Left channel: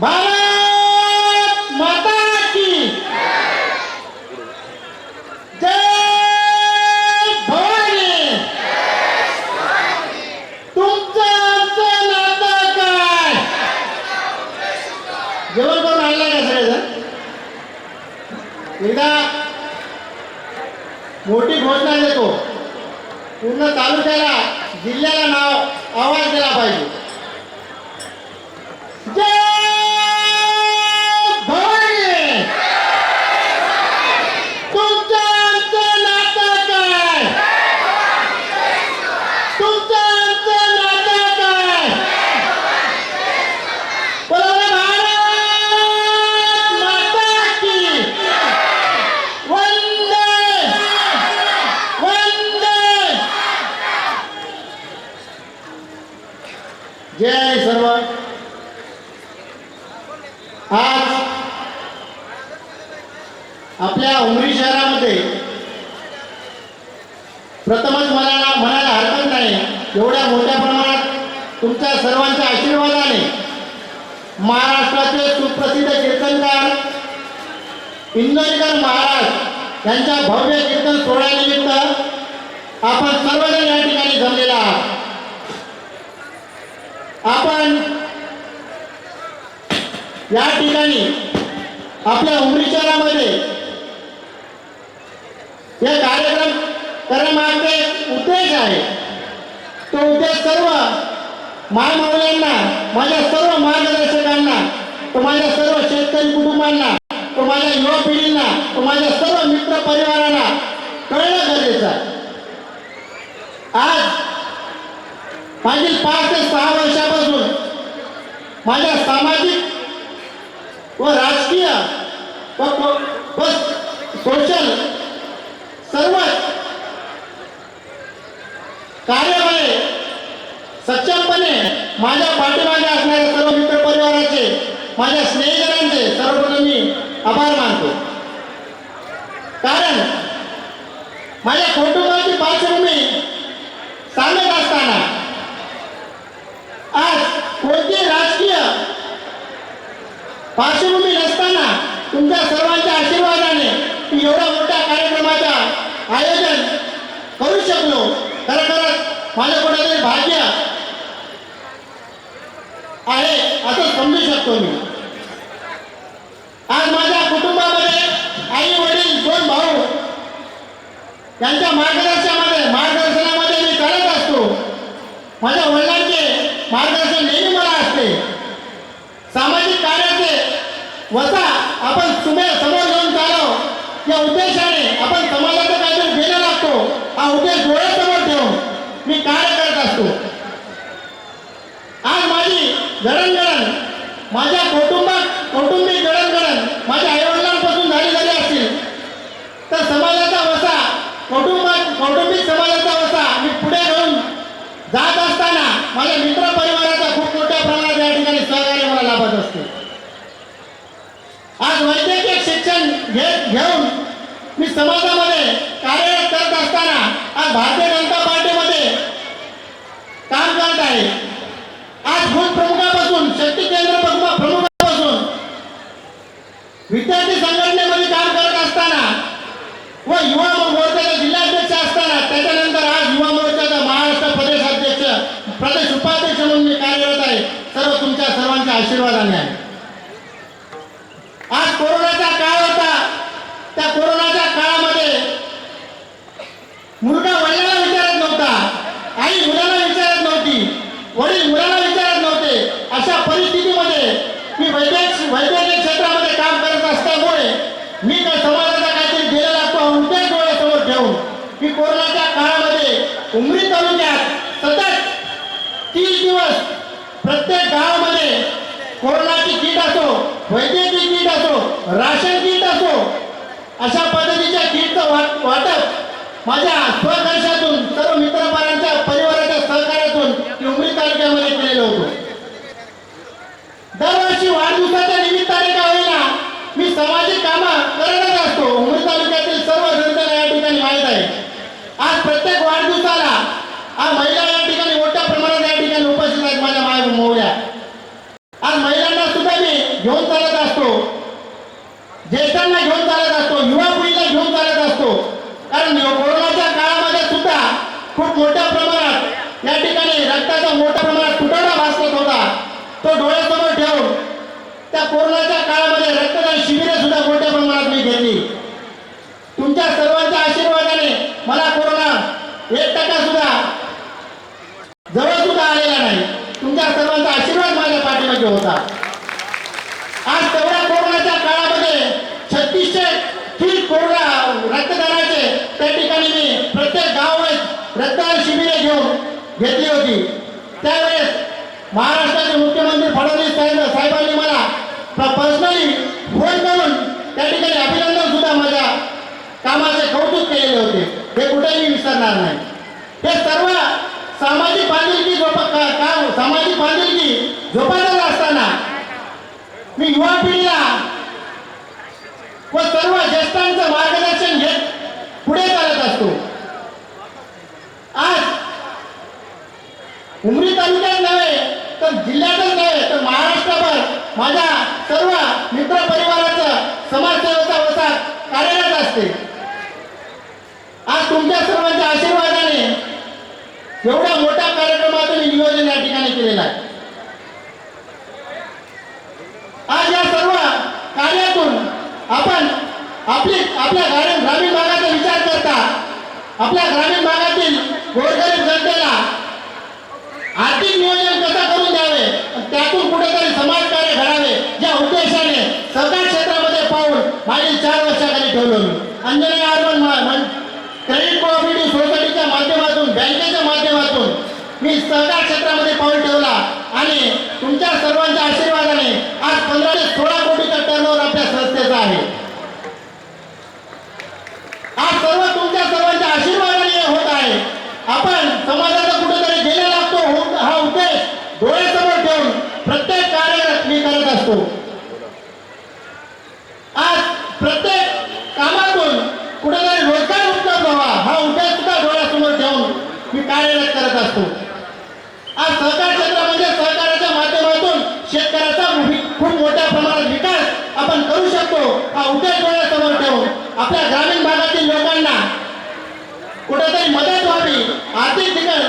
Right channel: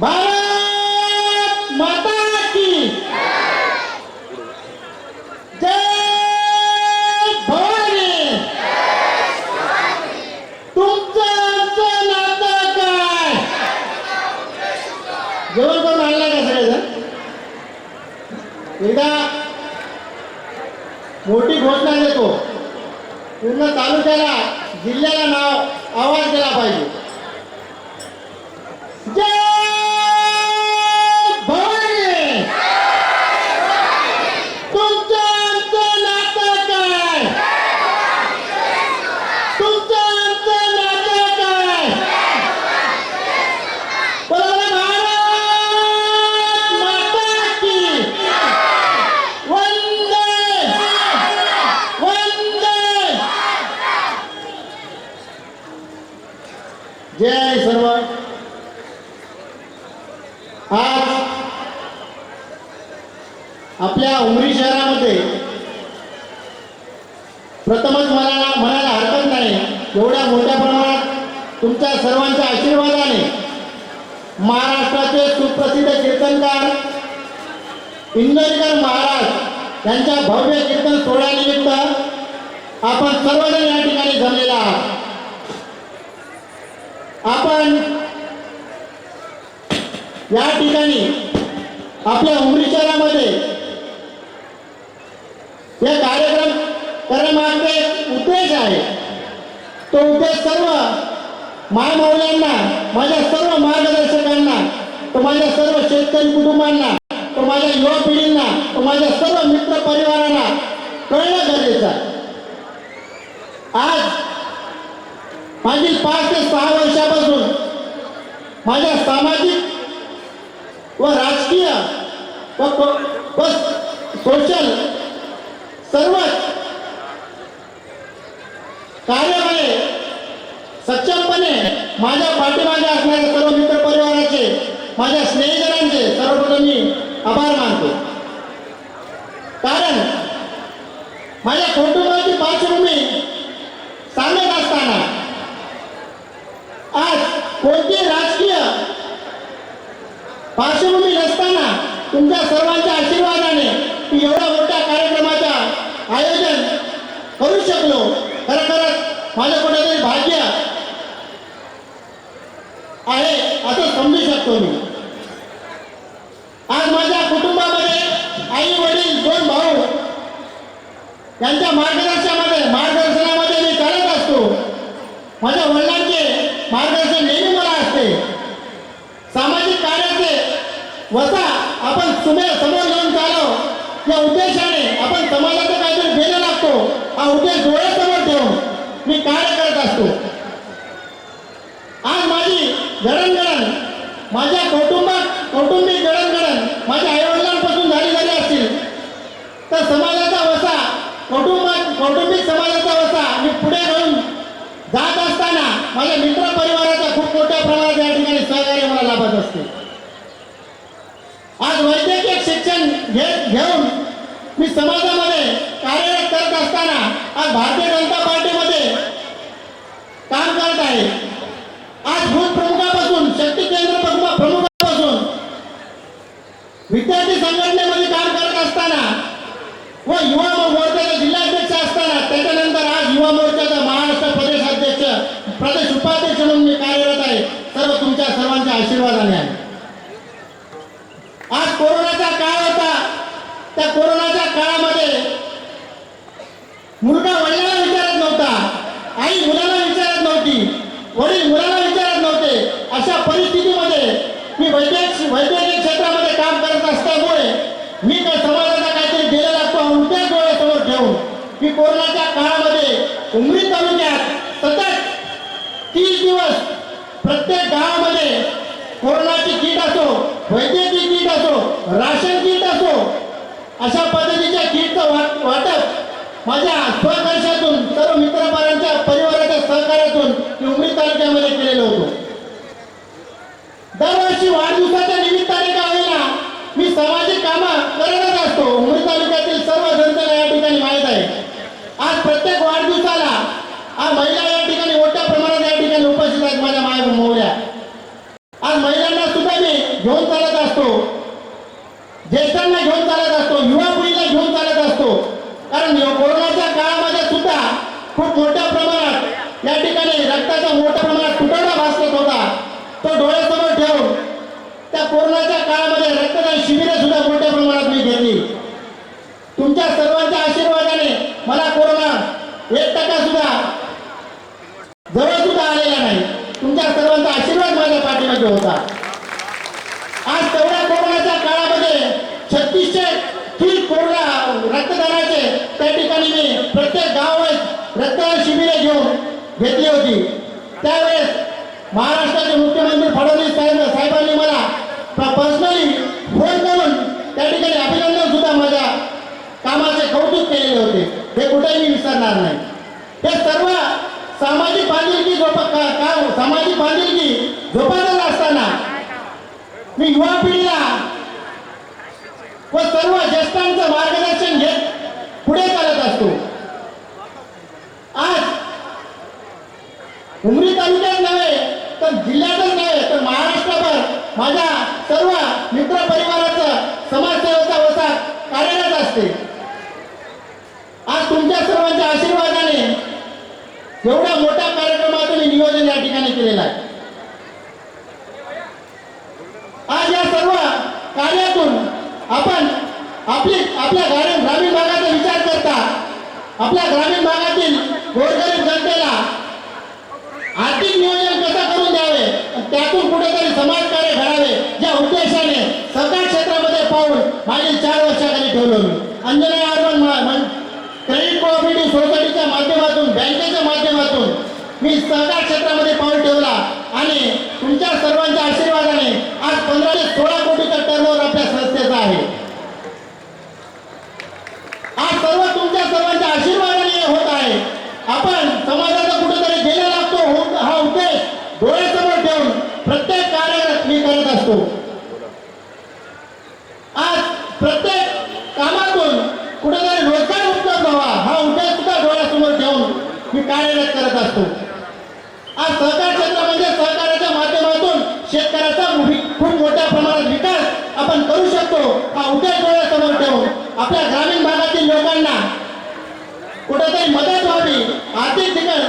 भारत माता की। जय भवानी। तुमचं आमचं नातं काय? जेवण करून आणला का सगळेजण? एकदा मोठी घोषणा देतो. पूर्ण तालुक्याला जिल्ह्याला नाव आवाज दिला पाहिजे. जय सर्व. आज आपल्या उमरी शहरामध्ये प्रथमच मला म्हणायला हरकत नाही. एवढ्या मोठ्या प्रमाणात तुमच्या सर्वांच्या आशीर्वादाने महाराष्ट्राचे सुप्रसिद्ध कीर्तनकार इंदोरीकर महाराज यांच्या भव्य कीर्तन सोहळ्यानिमित्त आपण सर्वजण या ठिकाणी जमलेला आहात. आपण या ठिकाणी आपल्या उमरी शहरामध्ये या कार्यक्रम करण्यामागचे एक उद्देश आहे. तो उद्देश सर्व मायमौल्यांना माझ्या सर्व मार्गदर्शकांना तो माझ्या सर्व शेतकरी कुटुंबांना तो माझ्या युवा पिढींना तो माझ्या सर्व मित्र परिवारांना कळणं गरजेचं आहे. आज मागील पाच ते सहा वर्षापासून माझ्या सामाजिक व राजकीय व सोशल सर्वच कार्यामध्ये सक्षमपणे माझ्या पाठीमागे असणाऱ्या सर्व मित्र परिवाराचे माझ्या स्नेहितरांचे सर्वप्रथम मी आभार मानतो कारण माझ्या कुटुंबाची पार्श्वभूमी सांगत असताना आज कोणते राजकीय पार्श्वभूमी नसताना तुमच्या सर्वांच्या आशीर्वादाने मी एवढ्या मोठ्या कार्यक्रमाचा आयोजन करू खरं खरंच माझ्या कुठेतरी भाग्य आहे असं समजू शकतो मी. आज माझ्या कुटुंबामध्ये आई वडील दोन भाऊ यांच्या मार्गदर्शनामध्ये मार्गदर्शनामध्ये मी करत असतो. माझ्या वडिलांचे मार्गदर्शन नेहमी मला असते. सामाजिक कार्याचे वसा आपण सुमे समोर घेऊन चालव या उद्देशाने आपण समाजाचं काहीतरी देणं लागतो हा उद्देश डोळ्यासमोर ठेवून मी कार्य करत असतो? आज माझी जडणघडण माझ्या कौटुंबात कौटुंबिक जडणघडण माझ्या आईवडिलांपासून झाली झाली असतील. तर समाजाचा वसा कौटुंबात कौटुंबिक समाजाचा वसा मी पुढे घेऊन जात असताना माझ्या मित्र परिवाराचा खूप मोठ्या प्रमाणात या ठिकाणी सहकार्य मला लाभत असते. आज वैद्यकीय शिक्षण घेत घेऊन मी समाजात कार्यरत करत असताना आज भारतीय जनता पार्टीमध्ये काम करत आहे आज भूत प्रमुखापासून शक्ती केंद्र प्रमुख प्रमुखापासून विद्यार्थी संघटनेमध्ये काम करत असताना व युवा मोर्चाचा जिल्हाध्यक्ष असताना त्याच्यानंतर आज युवा मोर्चाचा महाराष्ट्र प्रदेश अध्यक्ष प्रदेश उपाध्यक्ष म्हणून मी कार्यरत आहे सर्व तुमच्या सर्वांच्या आशीर्वादाने आहे. आज कोरोनाचा काळ होता. त्या कोरोनाच्या काळामध्ये मुलगा वडिलांना विचारत नव्हता. आई मुलाला विचारत नव्हती. वडील मुलाला विचारत नव्हते. अशा परिस्थितीमध्ये मी वैद्यक वैद्यकीय क्षेत्रामध्ये काम करत असल्यामुळे मी त्या समाजाचा काहीतरी दिला लागतो हा डोळ्यासमोर ठेवून मी कोरोनाच्या काळामध्ये उमरी तालुक्यात सतत तीस दिवस प्रत्येक गावामध्ये कोरोनाची किट असो वैद्यकीय किट असो राशन किट असो अशा पद्धतीच्या किटचं वाट वाटप माझ्या स्वखर्चातून सर्व मित्रपरांच्या परिवाराच्या सहकार्यातून मी उमरी तालुक्यामध्ये केलेलं होतं. दरवर्षी वाढदिवसाच्या निमित्ताने का होईना मी सामाजिक कामं करतच असतो. उमरी तालुक्यातील सर्व जनतेला या ठिकाणी माहीत आहे. आज प्रत्येक वाढदिवसाला आज महिला या ठिकाणी मोठ्या प्रमाणात या ठिकाणी उपस्थित आहेत माझ्या माय मोहऱ्या आज महिलांना सुद्धा मी घेऊन चालत असतो. ज्येष्ठांना घेऊन चालत असतो युवा पिढीला घेऊन चालत असतो. कारण कोरोनाच्या काळामध्ये सुद्धा खूप मोठ्या प्रमाणात या ठिकाणी रक्ताचा मोठ्या प्रमाणात तुटवडा भासत होता. तो डोळ्यासमोर ठेवून त्या कोरोनाच्या काळामध्ये रक्तदान शिबिरे सुद्धा मोठ्या प्रमाणात मी घेतली. तुमच्या सर्वांच्या आशीर्वादाने मला कोरोना एक टक्का सुद्धा जवळ सुद्धा आलेला नाही. तुमच्या सर्वांचा आशीर्वाद माझ्या पाठीमध्ये होता आज तेवढ्या कोरोनाच्या काळामध्ये छत्तीसशे ठीक कोरोना रक्तदानाचे त्या ठिकाणी मी प्रत्येक गावात रक्तदान शिबिरे घेऊन घेतली होती. त्यावेळेस महाराष्ट्राचे मुख्यमंत्री फडणवीस साहेब साहेबांनी मला पर्सनली फोन करून त्या ठिकाणी अभिनंदन सुद्धा माझ्या कामाचे कौतुक केलेले होते. हे कुठेही विसरणार नाही. हे सर्व सामाजिक बांधिलकी जोप का- सामाजिक बांधिलकी जोपासत असताना मी युवा पिढीला व सर्व ज्येष्ठांचं मार्गदर्शन घेत पुढे चालत असतो. आज उमरी तालुक्यात नव्हे तर जिल्ह्यातच नव्हे तर महाराष्ट्रभर माझ्या सर्व मित्र परिवाराचं समाजसेवेचा वसा कार्यरत असते. आज तुमच्या सर्वांच्या आशीर्वादाने एवढ्या मोठ्या कार्यक्रमाचं मी नियोजन या ठिकाणी केलेलं आहे. आज या सर्व कार्यातून आपण आपली आपल्या ग्रामीण ग्रामीण भागाचा विचार करता. आपल्या ग्रामीण भागातील गोरगरीब जनतेला आर्थिक नियोजन कसं करून द्यावे? त्यातून कुठेतरी समाजकार्य घडावे या उद्देशाने सरकार क्षेत्रामध्ये पाहून मागील चार वर्षाखाली ठेवलं मी. अंजनेय अर्बन क्रेडिट कोऑपरेटिव्ह सोसायटीच्या माध्यमातून बँकेच्या माध्यमातून मी सहकार क्षेत्रामध्ये पाऊल ठेवला. आणि तुमच्या सर्वांच्या आशीर्वादाने आज पंधरा ते सोळा कोटीचा टर्नओव्हर आपल्या संस्थेचा आहे. आज सर्व तुमच्या सर्वांच्या आशीर्वादाने होत आहे. आपण समाजाचा कुठेतरी गेला लागतो हो, हा उद्देश डोळ्यासमोर ठेवून प्रत्येक कार्य मी करत असतो. आज प्रत्येक कामातून कुठेतरी रोजगार उपलब्ध व्हावा हा उद्देश सुद्धा डोळ्यासमोर ठेवून मी कार्यरत करत असतो. आज सहकार क्षेत्रामध्ये म्हणजे सहकाराच्या माध्यमातून शेतकऱ्याचा खूप मोठ्या प्रमाणात विकास आपण करू शकतो हा उद्देश डोळ्यासमोर ठेवून आपल्या ग्रामीण भागातील लोकांना कुठेतरी मदत व्हावी आर्थिक ठिकाण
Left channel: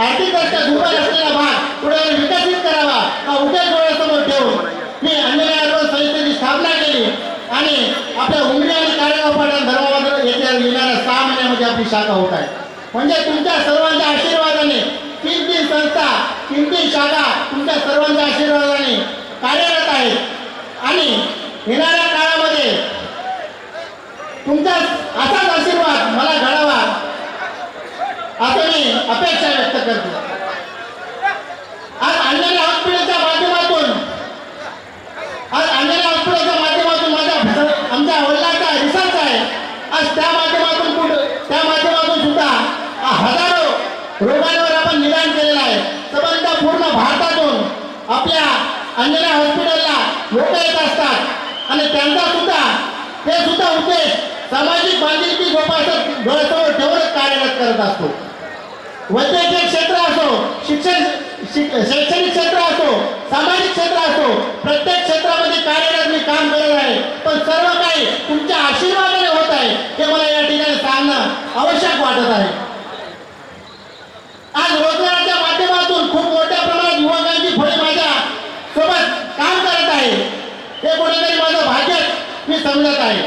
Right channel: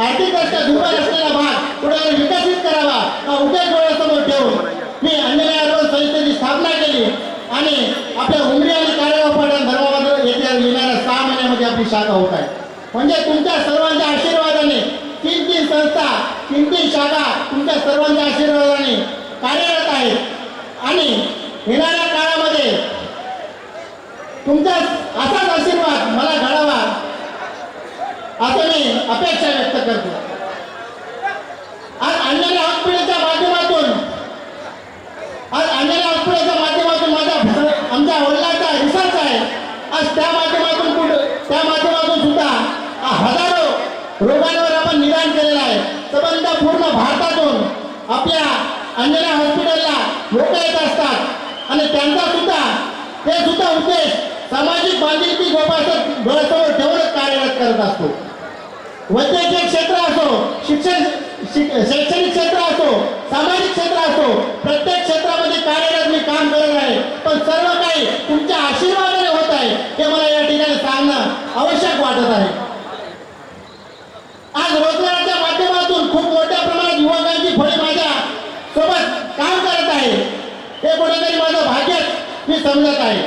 आर्थिकदृष्ट्या दुर्बल असलेला भाग कुठेतरी विकसित करावा हा उद्देश डोळ्यासमोर ठेवून मी अंजनेय अर्बन संस्थेची स्थापना केली आणि आपल्या उमरी आणि कार्यगाव धर्माबद्दल येत्या येणाऱ्या सहा महिन्यामध्ये आपली शाखा होत आहे. म्हणजे तुमच्या सर्वांच्या आशीर्वादाने तीन तीन संस्था तीन तीन शाखा तुमच्या सर्वांच्या आशीर्वादाने कार्यरत आहेत आणि येणाऱ्या काळामध्ये तुमचा असाच आशीर्वाद मला घडावा असं मी अपेक्षा व्यक्त करतो आज अंजनी हॉस्पिटलच्या माध्यमातून आज अंजनी हॉस्पिटलच्या माध्यमातून माझ्या आमच्या वडिलांचा रिसर्च आहे आज त्या माध्यमातून कुठं? त्या माध्यमातून सुद्धा हजारो रोगांवर आपण निदान केलेलं आहे. संबंध पूर्ण भारतातून आपल्या अंजना हॉस्पिटलला लोक येत असतात. आणि त्यांचा सुद्धा ते सुद्धा उद्देश सामाजिक बांधिलकी जोपासत डोळ्यासमोर ठेवूनच कार्यरत करत असतो. वैद्यकीय क्षेत्र असो शिक्षण शैक्षणिक क्षेत्र असो सामाजिक क्षेत्र असो प्रत्येक क्षेत्रामध्ये कार्यरत मी काम करत आहे. पण सर्व काही तुमच्या आशीर्वादाने होत आहे हे मला या ठिकाणी सांगणं आवश्यक वाटत आहे. आज रोजगाराच्या माध्यमातून खूप मोठ्या प्रमाणात युवकांची फळी माझ्या सोबत काम करत आहे. हे कुठेतरी माझं भाग्यच मी समजत आहे.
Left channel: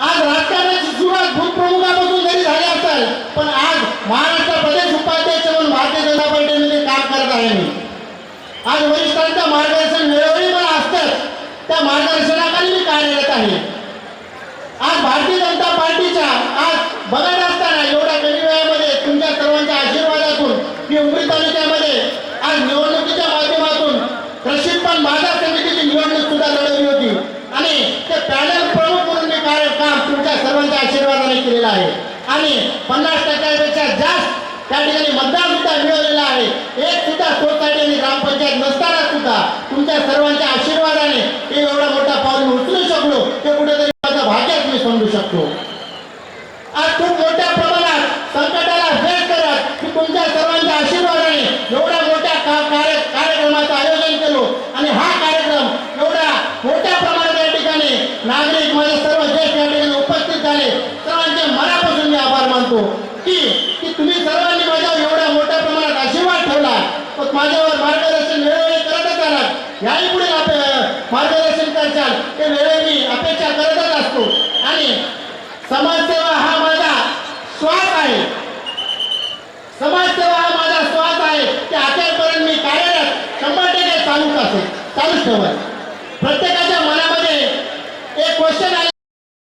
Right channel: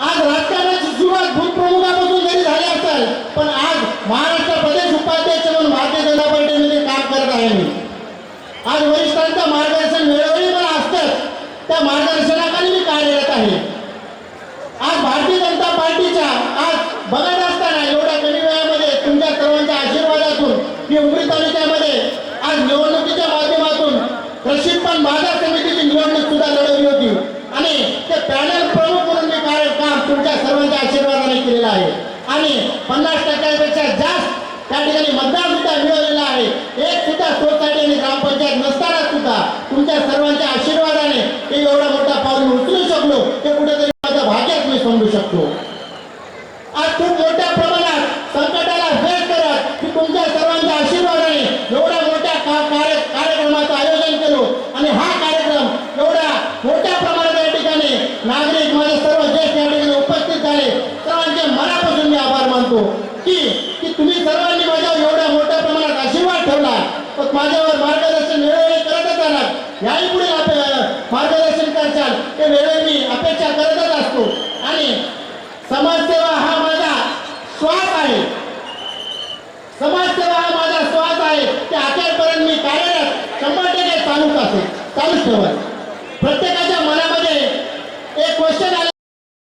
आज राजकारणाची सुरुवात भूतप्रमुखापासून जरी झाली असेल पण आज महाराष्ट्र प्रदेश उपाध्यक्ष म्हणून भारतीय जनता पार्टीमध्ये काम करत आहे मी. आज वरिष्ठांचं मार्गदर्शन वेळोवेळी मला असतं त्या मार्गदर्शनाखाली मी कार्यरत आहे आज भारतीय जनता पार्टीच्या आज बघत असताना एवढ्या कमी वेळामध्ये तुमच्या सर्वांच्या आशीर्वादातून मी उमरी तालुक्यामध्ये आज निवडणुकीच्या माध्यमातून प्रशिक्षण बाजार समितीची निवडणूक सुद्धा लढवली होती. आणि ते पॅनल प्रमुख म्हणून मी कार्य काम तुमच्या सर्वांच्या आशीर्वादाने केलेलं आहे. आणि पन्नास टक्क्यापेक्षा जास्त त्या ठिकाणी मतदान सुद्धा मिळवलेला आहे. एक सुद्धा सोसायटी आणि ग्रामपंचायत नसताना सुद्धा तुमच्या सर्वांच्या आशीर्वादाने एवढा मोठा पाऊल उचलू शकलो ते कुठेतरी माझं भाग्यात मी समजू शकतो. खूप मोठ्या प्रमाणात संकटाला भेट करत की तुमच्या सर्वांच्या आशीर्वादाने एवढ्या मोठ्या कार्य कार्यक्रमाचं आयोजन केलो. आणि हा कार्यक्रम एवढ्या मोठ्या प्रमाणात या ठिकाणी नागरिक माझे सर्व ज्येष्ठ या ठिकाणी उपस्थित झाले. सर्वांचे मनापासून मी आभार मानतो की की तुम्ही सर्वांनी माझ्यावर एवढ्या मोठ्या प्रमाणात आशीर्वाद ठेवला. पण माझ्यावर मार्गदर्शन वेळोवेळी करतच आलात. याही पुढे मार्गदर्शन करशाल. ते वेळोवेळी अपेक्षा करतच असतो. आणि समाजसेवा समाजसेवा हा माझा श्वास आहे. की आतापर्यंत मी कार्यरत शंभर टक्के चालूच असेल. चालूच ठेवाय प्रत्येक